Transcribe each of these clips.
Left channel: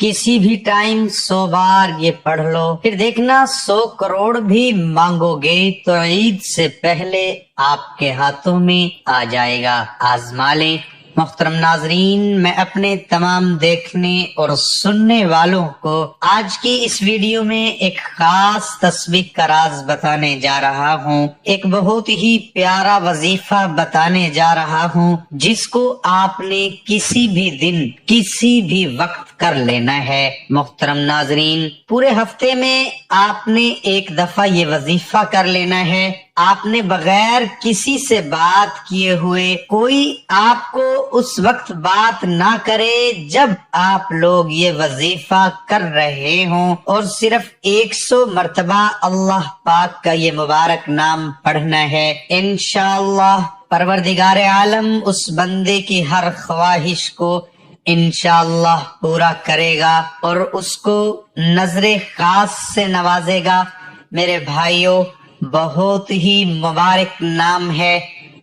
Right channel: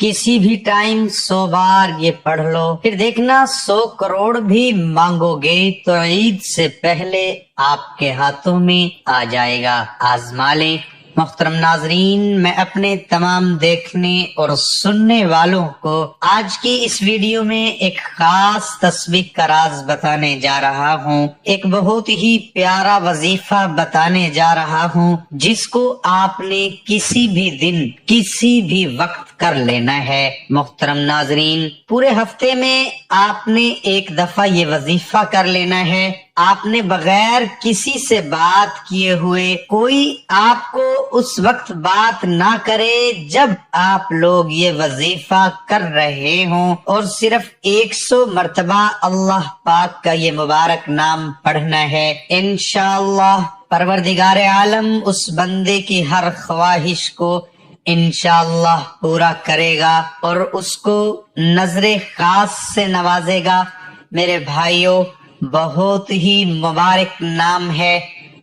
किसी भी टाइम 100 बार ये पढ़ लो, फिर देखना 100 करोड़ भी मांगोगे तो ईद से पहले आपके हाथों में आ जाएगा। आजमा लें। मोहतरम नाजरीन, मैं अपने तमाम देखने और सुनने वालों को आज की इस वीडियो में एक खास तस्बीह का राज बताने जा रहा हूँ। एक बहुत ही प्यारा वजीफा बताने जा रहा हूँ जिसको आपने किसी भी दिन किसी भी वक्त कर लेना है। मोहतरम नाजरीन, पूरे हफ्ते में आपने एक दफा ये वजीफा कर लेना है। आपने बगैर किसी से बात किए हुए, कोई आपको उस वक्त बात ना करे जब आप लोग ये वजीफा कर रहे हों, और सिर्फ 100 मर्तबा अल्लाह पाक का ये मुबारक नाम पढ़ना है। इंशाअल्लाह परवरदिगार आलम उस बंदे की हर ख्वाहिश को इंशाअल्लाह पूरा करेगा और उसको नजरे खास से नवाजेगा। मेरे भाइयों, बहुत ही मुबारक नाम है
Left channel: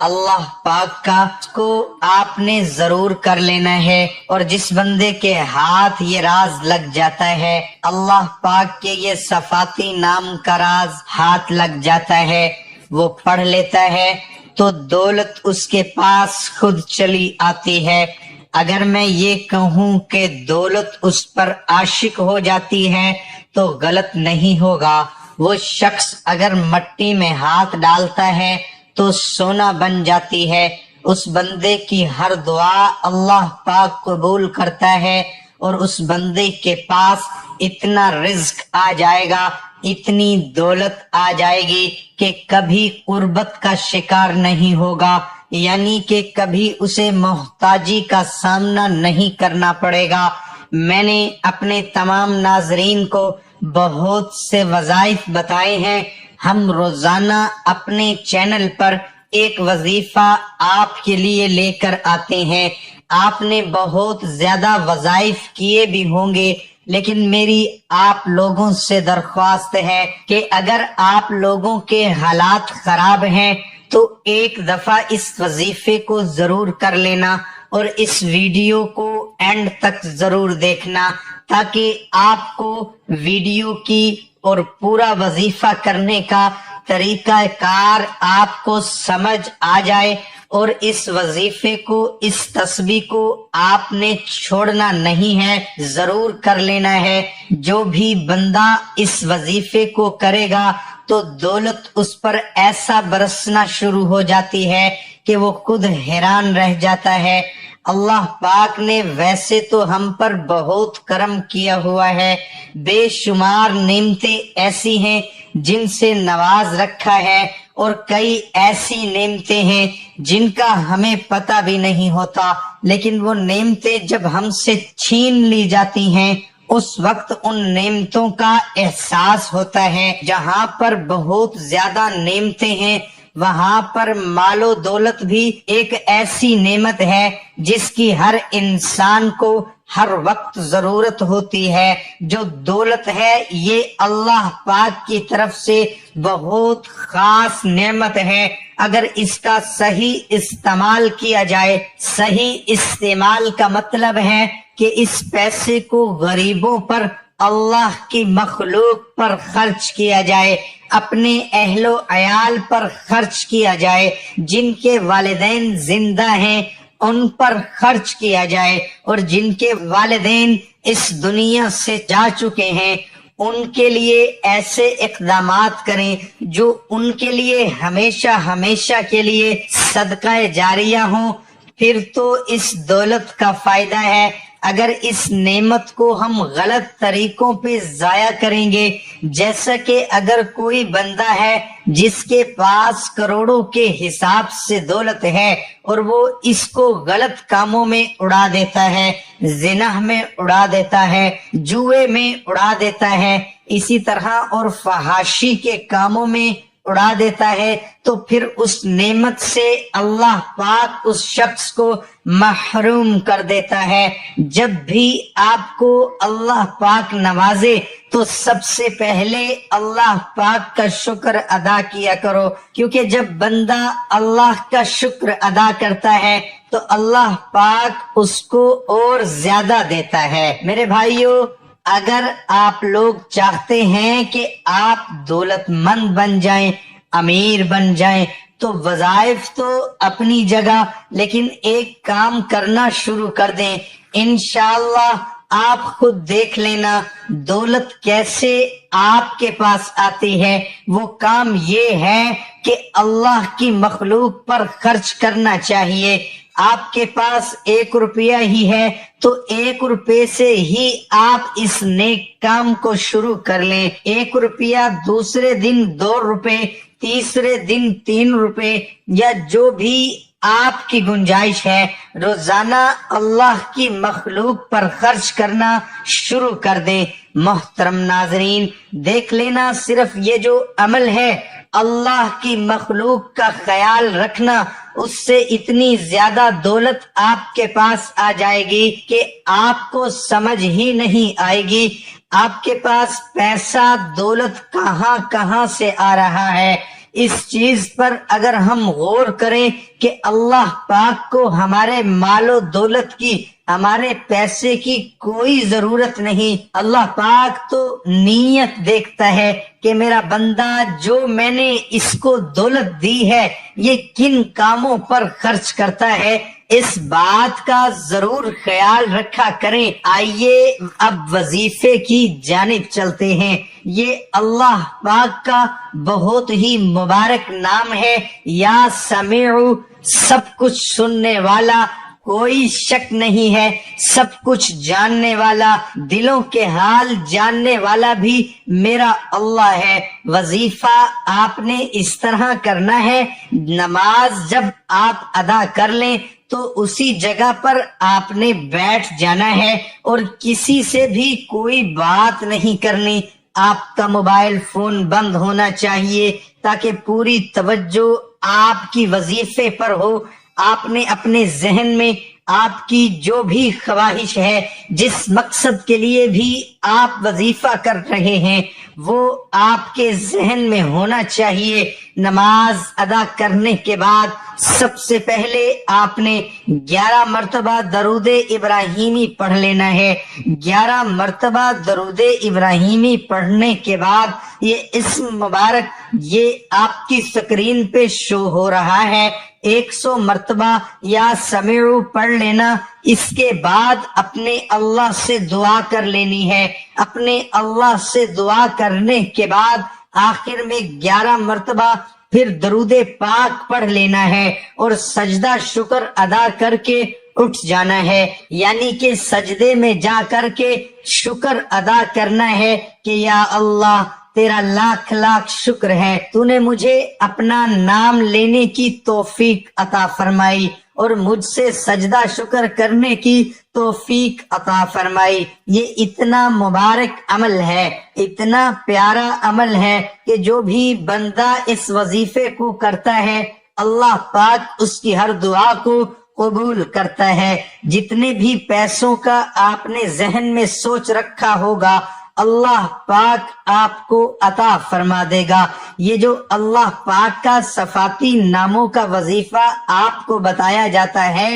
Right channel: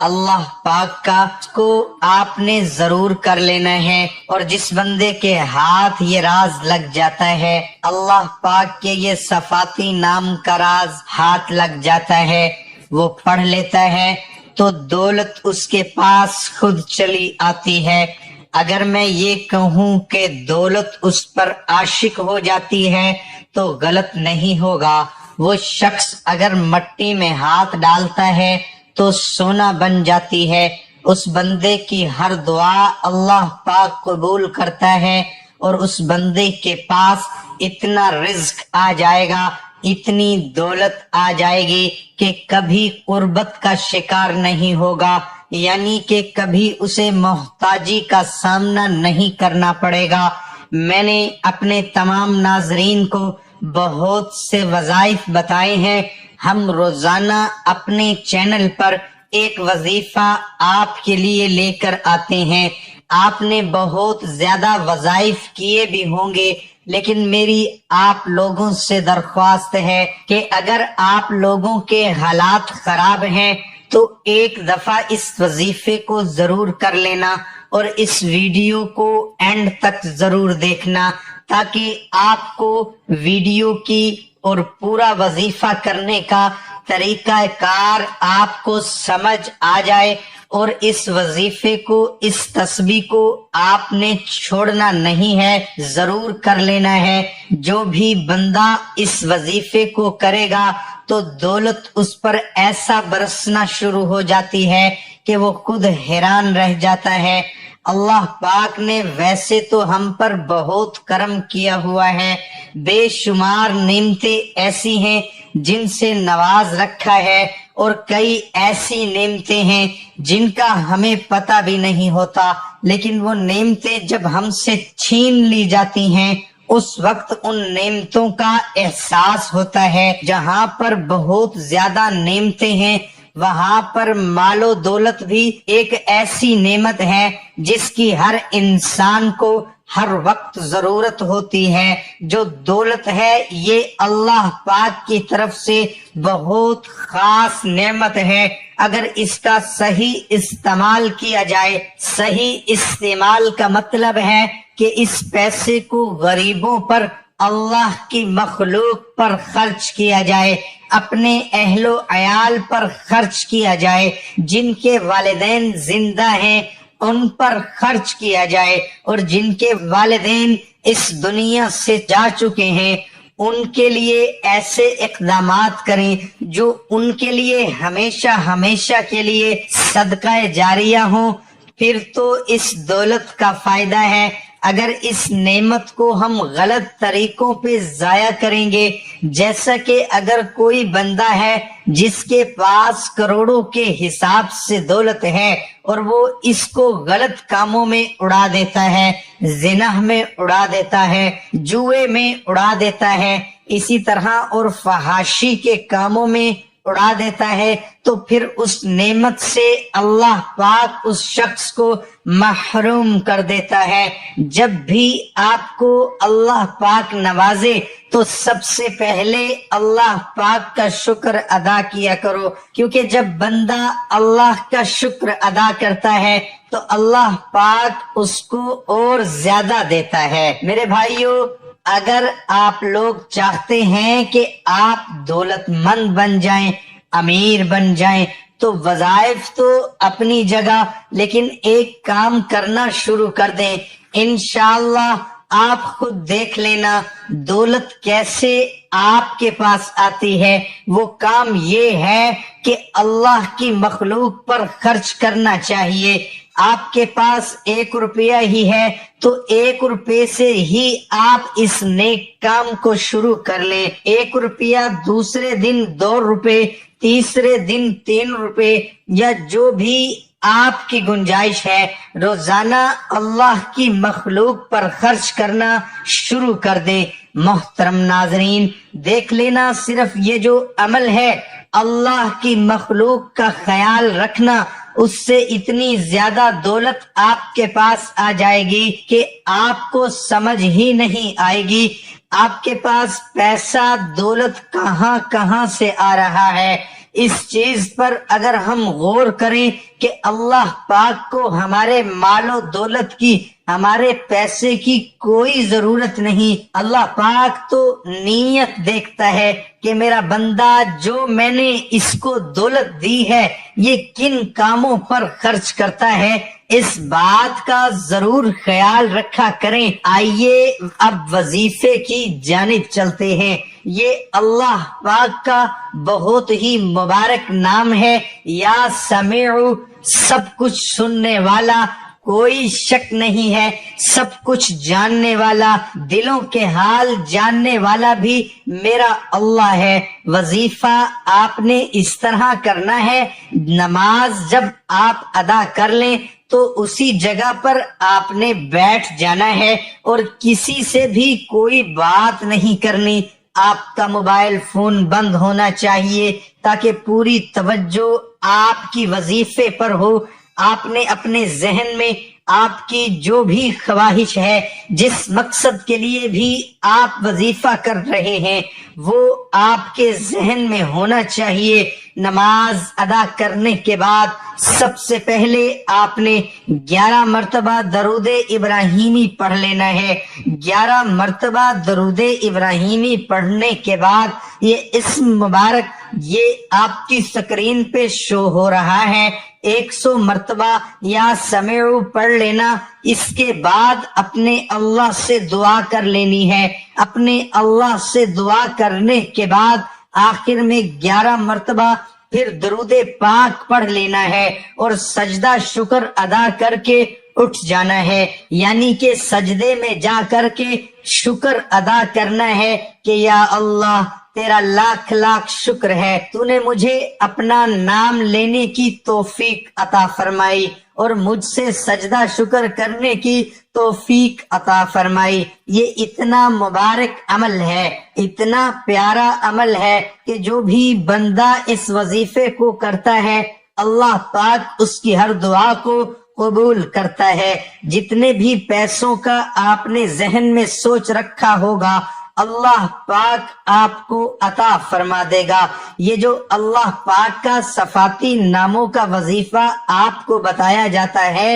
अल्लाह पाक का, उसको आपने जरूर कर लेना है। और जिस बंदे के हाथ ये राज लग जाता है, अल्लाह पाक के ये सफाती नाम का राज हाथ लग जाता है, वो पढ़ लेता है तो दौलत उसके पास खुद चली आती है। अगर मैं ये कहूँ कि दौलत उस पर आशिक हो जाती है तो गलत नहीं होगा। वो शख्स अगर मट्टी में हाथ डालता है तो सोना बन जाती है। उस बंदे की हर दुआ अल्लाह पाक कबूल करता है और उस बंदे के पास इतना रिज्क आ जाएगा, इतनी दौलत आ जाएगी कि कभी कुर्बत का शिकार नहीं होगा, यानी कि कभी उसे मोहताजी का सामना नहीं करना पड़ेगा। मैंने अपने तमाम नाजरीन को बहुत से वज़ाइफ बताए हैं। हम रोजाना अपने चैनल पर एक वजीफा आपके लिए लेकर आते हैं। आपने बहुत ज्यादा वज़ाइफ किए भी होंगे, लेकिन मेरी आप लोगों से दरख्वास्त है कि अगर आप लोगों के हालात खराब हैं तो एक दफा इस वजीफे को जरूर कर लेना और इस वीडियो को एंड तक जरूर देखना, ताकि आपको वीडियो की और पूरा वजीफा करने का तरीका कार आपको समझ आ जाए। और इस वजीफे को, इस तस्बीह को आपने छोड़ना नहीं है, जरूर कर लेना है। जो भी बंदा इस वजीफे को करेगा तो दौलत उस पर ऐसा बरसना शुरू हो जाती है कि वो खुद हैरान रह जाता है। अल्लाह पाक ने वैसे तो हम पर बहुत करम किया हुआ है, बेशुमार नेमतें ऐसी हैं जिनसे नवाज रखा है, और कई ऐसी नेमतें हैं जिनका हमें पता भी नहीं होता, लेकिन वो नेमतें जब हमसे छीन ली जाती हैं उस वक्त उन नेमतों का एहसास होता है। जहाँ पर बहुत ज्यादा नेमतें हैं वहाँ पर मालो दौलत भी एक ऐसी नेमत है जिसकी हर इंसान को हर वक्त जरूरत होती है। जो दौलत है ये अल्लाह पाक की तरफ से बहुत खास नेमत है। अगर इसका सही इस्तेमाल किया जाए, सही इस्तेमाल का मतलब है कि इस पैसे को गरीबों पर, अल्लाह की मखलूक पर खर्च किया जाए, अपने अहलो अयाल पर खर्च किया जाए, जिनके वालिदैन जिंदा हैं उन पर खर्च किया जाए, और जिनके वालिदैन इस दुनिया से जा चुके हैं उनके लिए ऐसे इक़दामात करें जो उनके लिए हमेशा हमेशा के लिए सदका जारिया हो। फिर तो इस दौलत का फायदा है। अगर इस नेमत को हम गलत तरीकों पे जाया करेंगे, जैसा कि अगर कोई बंदा है जिसके पास करोड़ों के हिसाब से दौलत है और वो इसको गलत कामों में उड़ा देता है, जिनाह में उड़ा देता है, जुए में उड़ा देता है, इसी तरह और फहाशी के कामों में उड़ा देता है तो फिर उस नेमत से अल्लाह पाक उस शख्स को महरूम कर देता है। जब भी आपको अल्लाह पाक नवाजे तो सबसे पहले अल्लाह पाक का शुक्र अदा किया करो, क्योंकि जब बंदा अल्लाह का शुक्र अदा करता है तो अल्लाह पाक उसको और ज्यादा देता है। मेरे भाइयों, अगर आप लोग चाहते हैं कि आप दौलतमंद बन जाएं, अमीर बन जाएं, तो वज़ाइफ तो अपनी जगह, लेकिन एक काम करना शुरू कर दें। इंशाअल्लाह आप खुद देख लेना दौलत कैसे आपके पास आती है। वो काम ये है कि अल्लाह की मखलूक पर खर्च करना चाहिए। आपके पास 1 रुपया ही है तो 1 रुपये से ही आप इस नेक काम को शुरू कर लें। 1 रुपया, दूसरे दिन 2 रुपए, तीसरे दिन 3 रुपए, या जो भी आपकी गुंजाइश है, रोजाना अल्लाह की मखलूक पर खर्च करना शुरू कर दे। मोहतरम नाजरीन, देख लेना सिर्फ ये जो अमल है अल्लाह की मखलूक का ख्याल रखना, उससे इतनी ज्यादा दौलत आपके पास आ जाएगी कि आपको समझ ही नहीं आएगी आपके पास पैसा दौलत कहां कहां से आ रहा है। इस चीज पर अगर हम गौर करें कि अल्लाह पाक को हमारे मालो दौलत की, हमारे पैसे की कोई जरूरत नहीं। अल्लाह पाक तो नीयत देखता है कि मेरा बंदा जो मैंने इसको दौलत दी है ये किन कामों पर खर्च करता है, इस बात का जरूर ख्याल रखा करें। आइए अब वजीफे की जानिब चलते हैं। ये अल्लाह पाक का बहुत ही मुबारक नाम है, या समीउ, सब कुछ सुनने वाला, कोई शक नहीं है, सब कुछ जानने वाला, दिलों के हाल जानने वाला भी मेरा अल्लाह है। वजीफा आपने इस तरह करना है, नमाज जब आप अदा कर लें तो उसी जगह पर आपने बैठ जाना है और किसी से भी कोई बात नहीं करनी। आपका मोबाइल फोन बंद होना चाहिए ताकि पूरी तवज्जो आपकी वजीफे पर हो। आपने अपने जहन में आपकी जो भी ख्वाहिश है, जिस मकसद के लिए भी आप वजीफा कर रहे हैं, वो आपके जहन में होना चाहिए। नमाज अदा करने के बाद सबसे पहले आपने 11 मर्तबा दरूदे इब्राहिमी पढ़ लेना है। 11 मर्तबा दरूदे इब्राहिमी पढ़ने के बाद ये इस्म मुबारक ये आपकी स्क्रीन पे शो हो रहा है, 100 मर्तबा या समीउ पढ़ लेना। इसके बाद अपने अल्लाह से दुआ कर लेनी है। अपने अल्लाह से दुआ करने के बाद आखिर में 11 मर्तबा फिर दरूदे पाक पढ़ लेना है और सजदा शुक्र अदा करके उठ जाना है, यानी कि सजदे में जा करके शुक्र अदा करना है कि या अल्लाह तेरा लाख लाख शुक्र है, तूने मुझे अपना नाम लेने की तौफीक अता फरमाई और मुझसे सजदा शुक्र करने की तौफीक अता फरमाई। ये इतना मुबारक अमल है, इतना प्यारा अमल है कि जो भी बंदा इस वजीफे को करता है अल्लाह पाक उसकी हर दुआ को कबूल करता है। जितने भी पैसों का आपने जहन में सोच रखा होगा अल्लाह पाक आपको अता फरमा देगा। ये जो अल्लाह पाक का सफाती नामों का वजीफा आपको बताया जाता है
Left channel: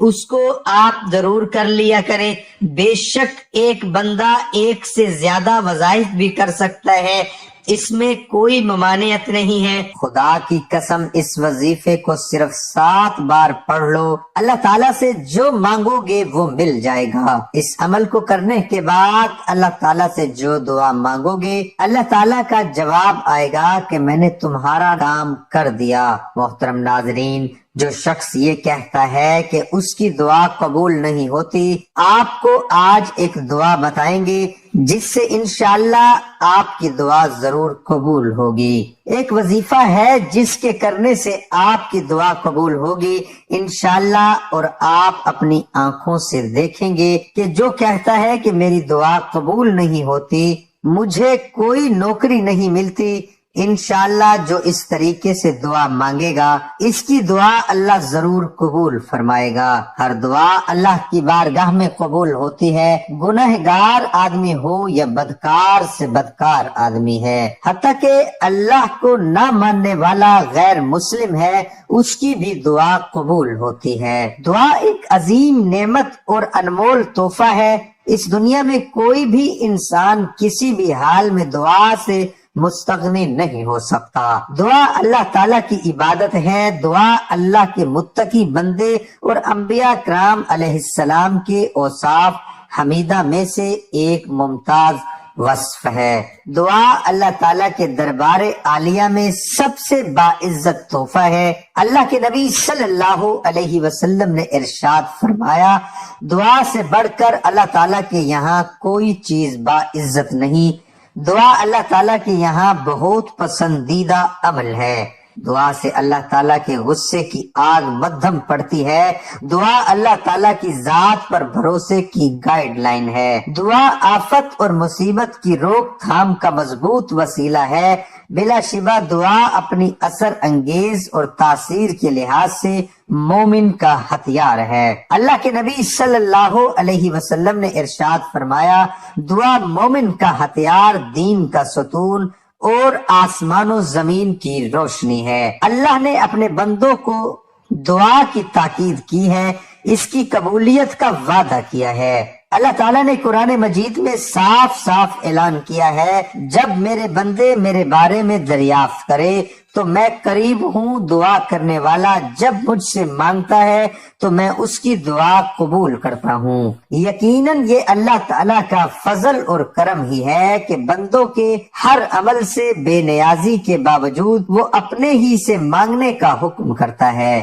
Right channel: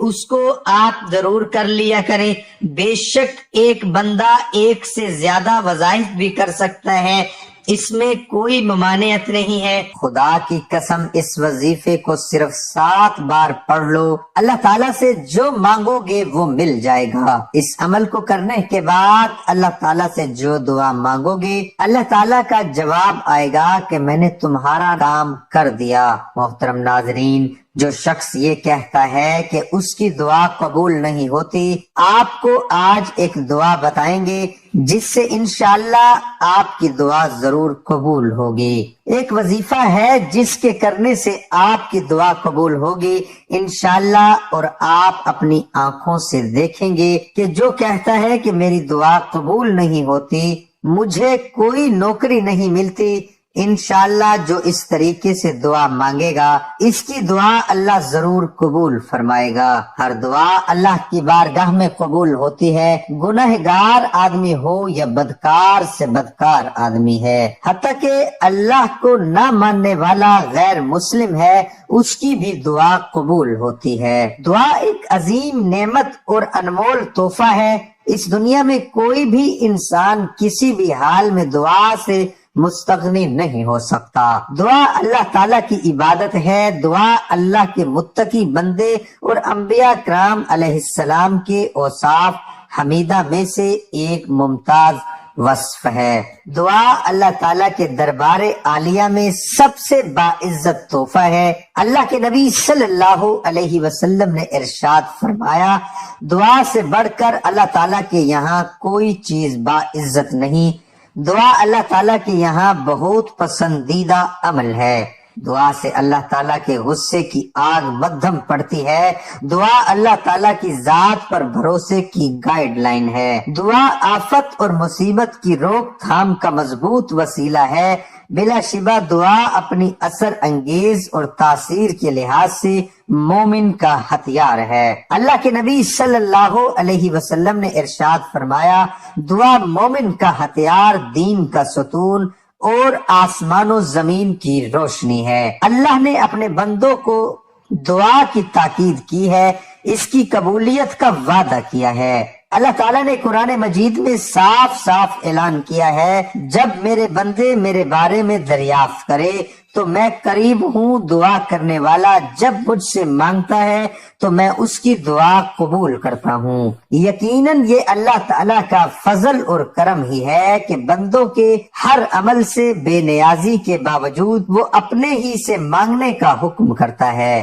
उसको आप जरूर कर लिया करें। बेशक एक बंदा एक से ज्यादा वज़ाइफ भी कर सकता है, इसमें कोई ममानियत नहीं है। खुदा की कसम इस वजीफे को सिर्फ 7 बार पढ़ लो, अल्लाह ताला से जो मांगोगे वो मिल जाएगा। इस अमल को करने के बाद अल्लाह ताला से जो दुआ मांगोगे अल्लाह ताला का जवाब आएगा कि मैंने तुम्हारा काम कर दिया। मोहतरम नाजरीन, जो शख्स ये कहता है कि उसकी दुआ कबूल नहीं होती, आपको आज एक दुआ बताएंगे जिससे इंशाअल्लाह आपकी दुआ जरूर कबूल होगी। एक वजीफा है जिसके करने से आपकी दुआ कबूल होगी इंशाअल्लाह, और आप अपनी आंखों से देखेंगे कि जो कहता है कि मेरी दुआ कबूल नहीं होती, मुझे कोई नौकरी नहीं मिलती, انشاءاللہ جو اس طریقے سے دعا مانگے گا اس کی دعا اللہ ضرور قبول فرمائے گا۔ ہر دعا اللہ کی بارگاہ میں قبول ہوتی ہے، گنہگار آدمی ہو یا بدکار سے بدکار آدمی ہے، حتیٰ کہ اللہ کو نہ ماننے والا غیر مسلم ہے اس کی بھی دعا قبول ہوتی ہے۔ دعا ایک عظیم نعمت اور انمول تحفہ ہے۔ اس دنیا میں کوئی بھی انسان کسی بھی حال میں دعا سے مستغنی نہیں ہو سکتا۔ دعا اللہ تعالیٰ کی عبادت ہے۔ دعا اللہ کے متقی بندے اور انبیاء کرام علیہ السلام کے اوصاف حمیدہ میں سے ایک ممتاز وصف ہے۔ دعا اللہ تعالیٰ کے دربار عالیہ میں سب سے باعزت تحفہ ہے۔ اللہ کے نبی صلی اللہ علیہ وسلم نے ارشاد فرمایا، دعا سے بڑھ کر اللہ تعالیٰ کے یہاں کوئی چیز باعزت نہیں۔ دعا اللہ تعالیٰ کے یہاں بہت پسندیدہ عمل ہے۔ دعا سے اللہ تعالیٰ کے غصے کی آگ مدھم پڑتی ہے۔ دعا اللہ تعالیٰ کی ذات پر بھروسے کی گائیڈ لائن ہے۔ دعا آفت اور مصیبت کی روک تھام کا مضبوط وسیلہ ہے۔ بلا شبہ دعا اپنی اثر انگیز اور تاثیر کے لحاظ سے مومن کا ہتھیار ہے۔ اللہ کے نبی صلی اللہ علیہ وسلم نے ارشاد فرمایا، دعا مومن کا ہتھیار، دین کا ستون اور آسمان و زمین کی روشنی ہے۔ اللہ نے اپنے بندوں کو دعا کی تاکید کی ہے، اس کی قبولیت کا وعدہ کیا ہے۔ اللہ تعالیٰ نے قرآن مجید میں صاف صاف اعلان کیا ہے، جب میرے بندے میرے بارے میں دریافت کرے تو میں قریب ہوں، دعا کرنے والا جب مجھ سے مانگتا ہے تو میں اس کی دعا قبول کرتا ہوں۔ یقیناً یہ اللہ تعالیٰ کا فضل اور کرم ہی ہے کہ بندوں کے ہر عمل سے بے نیازی کے باوجود وہ اپنے ہی سے مانگنے کا حکم کرتا ہے۔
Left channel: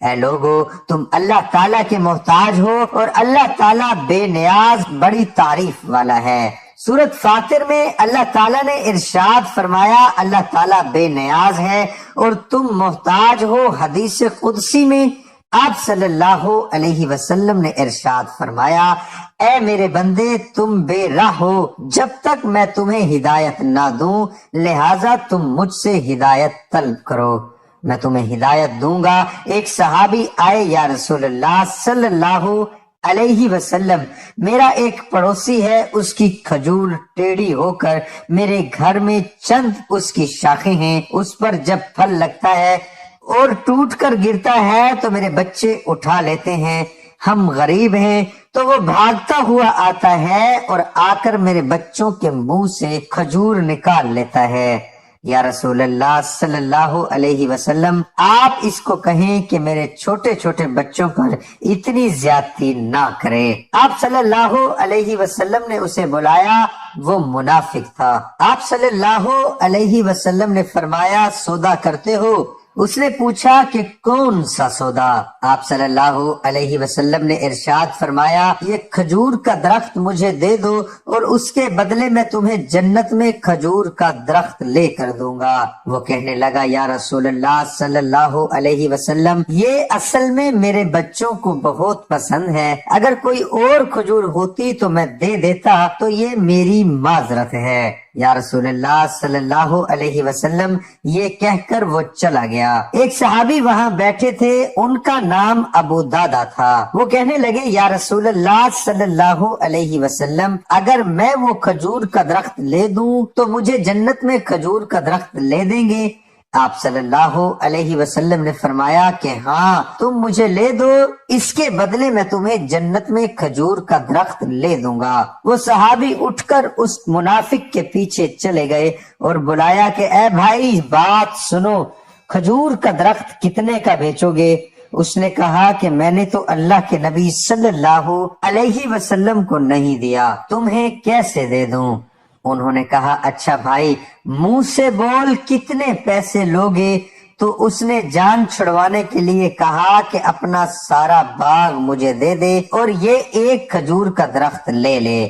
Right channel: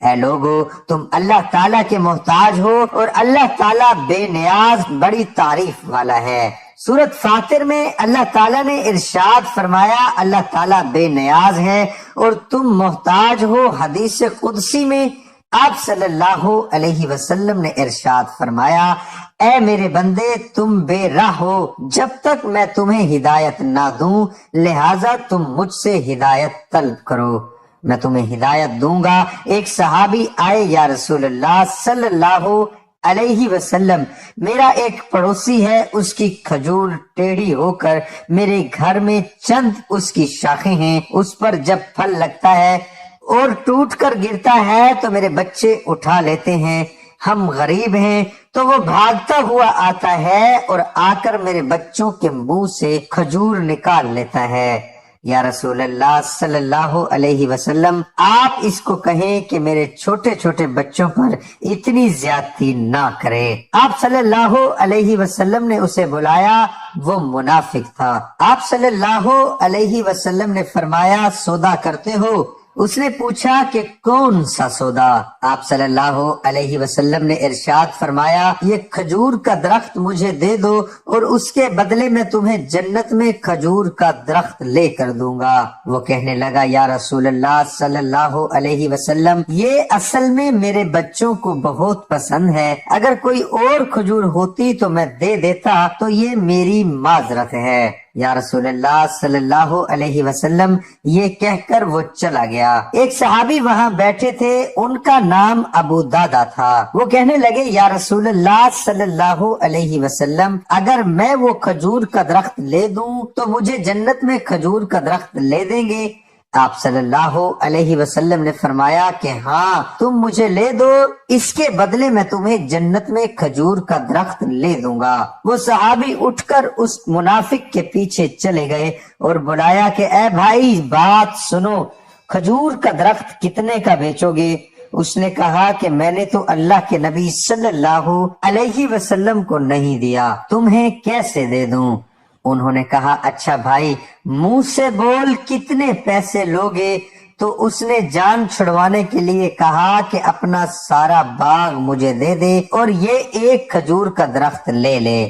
اے لوگو، تم اللہ تعالیٰ کے محتاج ہو اور اللہ تعالیٰ بے نیاز بڑی تعریف والا ہے۔ سورۃ فاطر میں اللہ تعالیٰ نے ارشاد فرمایا، اللہ تعالیٰ بے نیاز ہے اور تم محتاج ہو۔ حدیث قدسی میں آپ صلی اللہ علیہ وسلم نے ارشاد فرمایا، اے میرے بندے تم بے راہ ہو جب تک میں تمہیں ہدایت نہ دوں، لہٰذا تم مجھ سے ہدایت طلب کرو، میں تمہیں ہدایت دوں گا۔ ایک صحابی آئے، یا رسول اللہ صلی اللہ علیہ وسلم، میرا ایک پڑوسی ہے، اس کی کھجور ٹیڑھی ہو کر میرے گھر میں چند اس کی شاخیں ہیں، اس پر جب پھل لگتا ہے اور ٹوٹ کر گرتا ہے تو میرے بچے اٹھا لیتے ہیں، ہم غریب ہیں، تو وہ بھاگتا ہوا آتا ہے اور آ کر میرے بچوں کے منہ سے کھجور نکال لیتا ہے۔ یا رسول اللہ صلی اللہ علیہ وسلم، آپ اس کو کہیں کہ میرے چھوٹے چھوٹے بچوں پر اتنی زیادتی نہ کرے۔ آپ صلی اللہ علیہ وسلم نے اسے بلایا، وہ منافق تھا۔ آپ صلی اللہ علیہ وسلم نے فرمایا، سودا کرتے ہو؟ اس نے پوچھا کہ کون سا سودا؟ آپ صلی اللہ علیہ وسلم نے ارشاد فرمایا، یہ کھجور کا درخت مجھے دے دو اور اس کے بدلے میں تمہیں جنت میں کھجور کا درخت لے کر دوں گا۔ وہ کہنے لگا، یا رسول اللہ صلی اللہ علیہ وسلم، یہ اصل میں میرے بچوں کو بہت پسند ہے، اگر کوئی اور کھجور ہوتی تو میں دے دیتا، تو یہ میری معذرت ہے۔ یا رسول اللہ صلی اللہ علیہ وسلم، یہ کہہ کر وہ چلا گیا۔ ایک صحابی وہاں بیٹھے تھے، ان کا نام ابو دادا تھا۔ وہ کہنے لگے، یا رسول اللہ صلی اللہ علیہ وسلم، اگر میں وہ کھجور کا درخت لے دوں تو مجھے جنت میں کھجور کا درخت لے دیں گے؟ آپ صلی اللہ علیہ وسلم نے فرمایا کہ ہاں، تم مجھے لے دو، اس کے بدلے میں تمہیں جنت میں کھجور کا درخت لے دوں گا۔ وہ صحابی اٹھ کر اس منافق کے پیچھے چلے گئے اور بلایا کہ اے بھائی بات سنو، کھجور کا درخت کتنے کا بیچو گے؟ اس نے کہا کہ میں نے تو اللہ کے نبی صلی اللہ علیہ وسلم کو نہیں دیا، تمہیں کیسے دے دوں؟ انہوں نے کہا، اچھا بھائی منہ سے بول، کتنے پیسے لوگے؟ تو اس نے جان چھڑوانے کے لیے کہا کہ اپنا سارا باغ مجھے دے دے اور یہ ایک کھجور کا درخت لے لے۔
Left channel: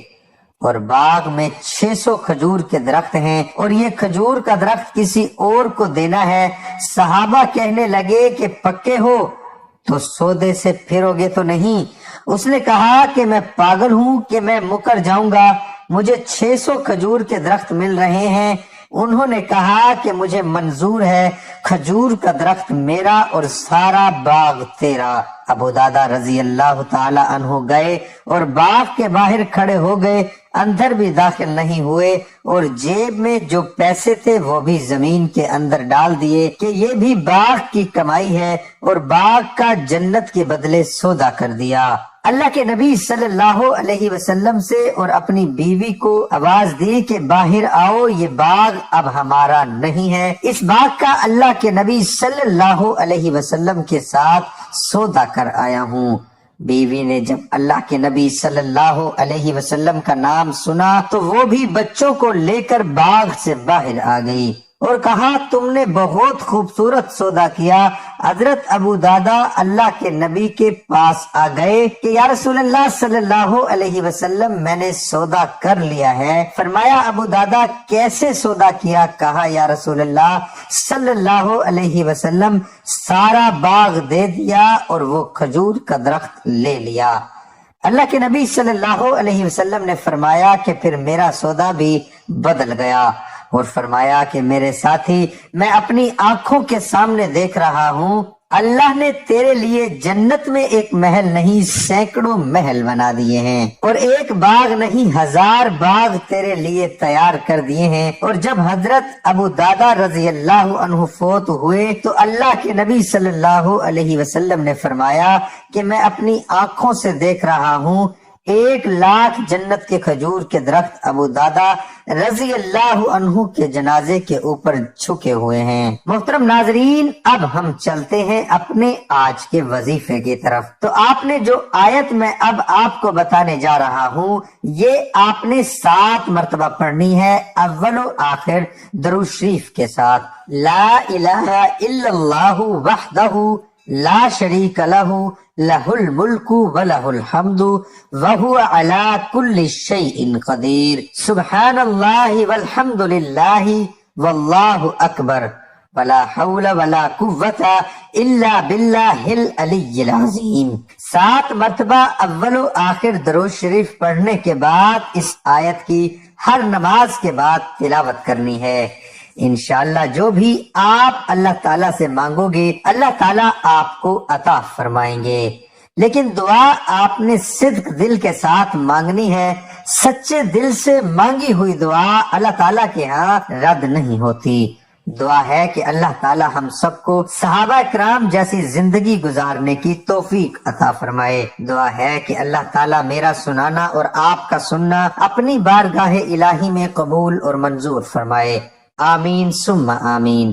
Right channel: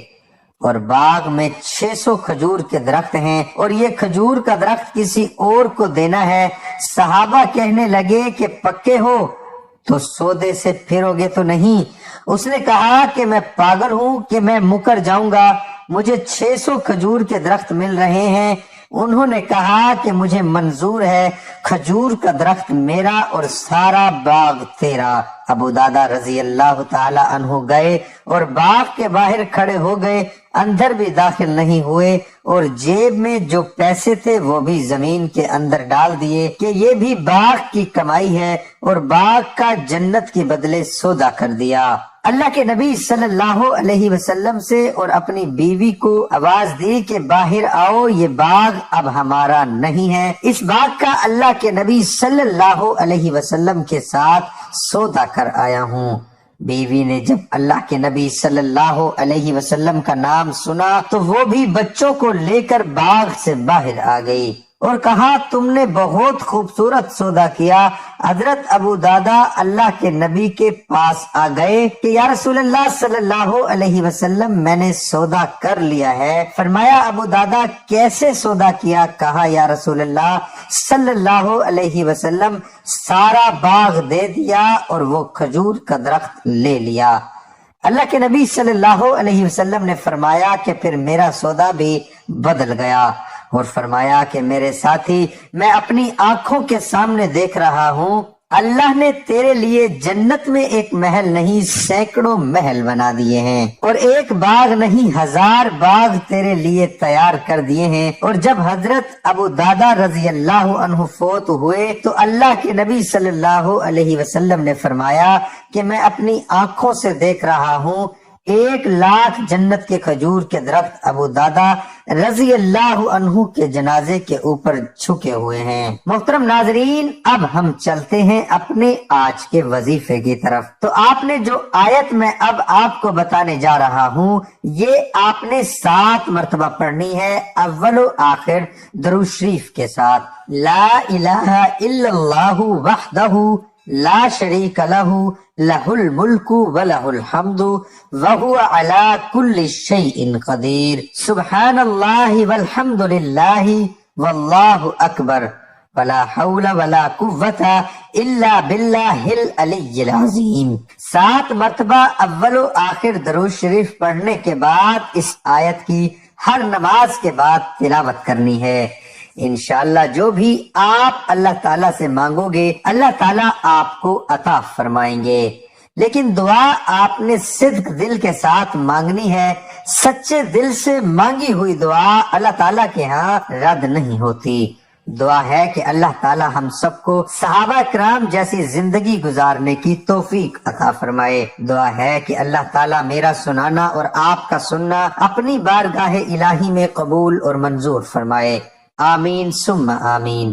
اور باغ میں 600 کھجور کے درخت ہیں اور یہ کھجور کا درخت کسی اور کو دینا ہے۔ صحابہ کہنے لگے کہ پکے ہو تو سودے سے پھرو گے تو نہیں؟ اس نے کہا کہ میں پاگل ہوں کہ میں مکر جاؤں گا، مجھے 600 کھجور کے درخت مل رہے ہیں، انہوں نے کہا کہ مجھے منظور ہے، کھجور کا درخت میرا اور سارا باغ تیرا۔ ابو دادا رضی اللہ تعالی عنہ گئے اور باغ کے باہر کھڑے ہو گئے، اندر بھی داخل نہیں ہوئے، اور جیب میں جو پیسے تھے وہ بھی زمین کے اندر ڈال دیے کہ یہ بھی باغ کی کمائی ہے، اور باغ کا جنت کے بدلے سودا کر دیا۔ اللہ کے نبی صلی اللہ علیہ وسلم سے اور اپنی بیوی کو آواز دی کہ باہر آؤ، یہ باغ اب ہمارا نہیں ہے، اس باغ کا اللہ کے نبی صلی اللہ علیہ وسلم کے ساتھ سودا کر آیا ہوں۔ بیوی نے جب اللہ کے نبی صلی اللہ علیہ وسلم کا نام سنا تو وہ بھی بچوں کو لے کر باغ سے باہر آ گئی اور کہا تم نے بہت خوبصورت سودا کیا۔ حضرت ابو دادا اللہ کے نبی کے پاس آ گئے کہ یا رسول اللہ صلی اللہ علیہ وسلم میں نے سودا کر لیا ہے۔ فرمایا ابو دادا کیسے سودا کیا؟ کہا یا رسول اللہ صلی اللہ علیہ وسلم سارا باغ دے دیا اور وہ کھجور کا درخت لے لیا۔ اللہ کے نبی صلی اللہ علیہ وسلم نے فرمایا کہ پھر میرا سودا بھی بدل گیا، اور فرمایا کہ میرے ساتھی میں اپنی آنکھوں کے سامنے دیکھ رہا ہوں اللہ نے تیرے لیے جنت میں ایک محل نہیں سینکڑوں محل بنا دیے ہیں، اور ایک باغ نہیں 1000 باغ تیرے لیے تیار کر دیے ہیں۔ اور جب حضرت ابو دادا رضی اللہ عنہ فوت ہوئے تو اللہ کے نبی صلی اللہ علیہ وسلم نے فرمایا کہ میں اپنی آنکھوں سے دیکھ رہا ہوں 1,00,000 جنت کے کھجور کے درخت ابو دادا رضی اللہ عنہ کے جنازے کے اوپر چھکے ہوئے ہیں۔ محترم ناظرین، اب ہم چلتے ہیں اپنے آج کے وظیفے کی طرف۔ تو آپ نے جو آیت میں اب آپ کو بتانے جا رہا ہوں یہ آپ نے 7 مرتبہ پڑھنی ہے، اول و آخر درود شریف کے ساتھ۔ لا الہ الا اللہ وحدہ لا شریک لہ لہ الملک ولہ الحمد وہو علی کل شیء قدیر، سبحان اللہ والحمد للہ واللہ اکبر ولا حول ولا قوت الا باللہ العلی العظیم۔ 7 مرتبہ اول و آخر درود شریف پڑھنے کے بعد اس آیت کی ہر نماز کے بعد تلاوت کرنی ہے۔ انشاءاللہ جو بھی آپ اللہ تعالیٰ سے مانگو گے اللہ تعالیٰ آپ کو عطا فرمائیں گے، لیکن دعا آپ نے صدق دل کے ساتھ مانگنی ہے۔ سچے دل سے مانگی ہوئی دعا اللہ تعالیٰ کے ہاں رد نہیں ہوتی۔ دعا ہے کہ اللہ تعالیٰ ہم سب کو صحابہ کرام جیسی زندگی گزارنے کی توفیق عطا فرمائے۔ دعا ہے کہ اللہ تعالیٰ میرا سنانا اور آپ کا سننا اپنی بارگاہ الہی میں قبول اور منظور فرمائے۔ آمین ثم آمین۔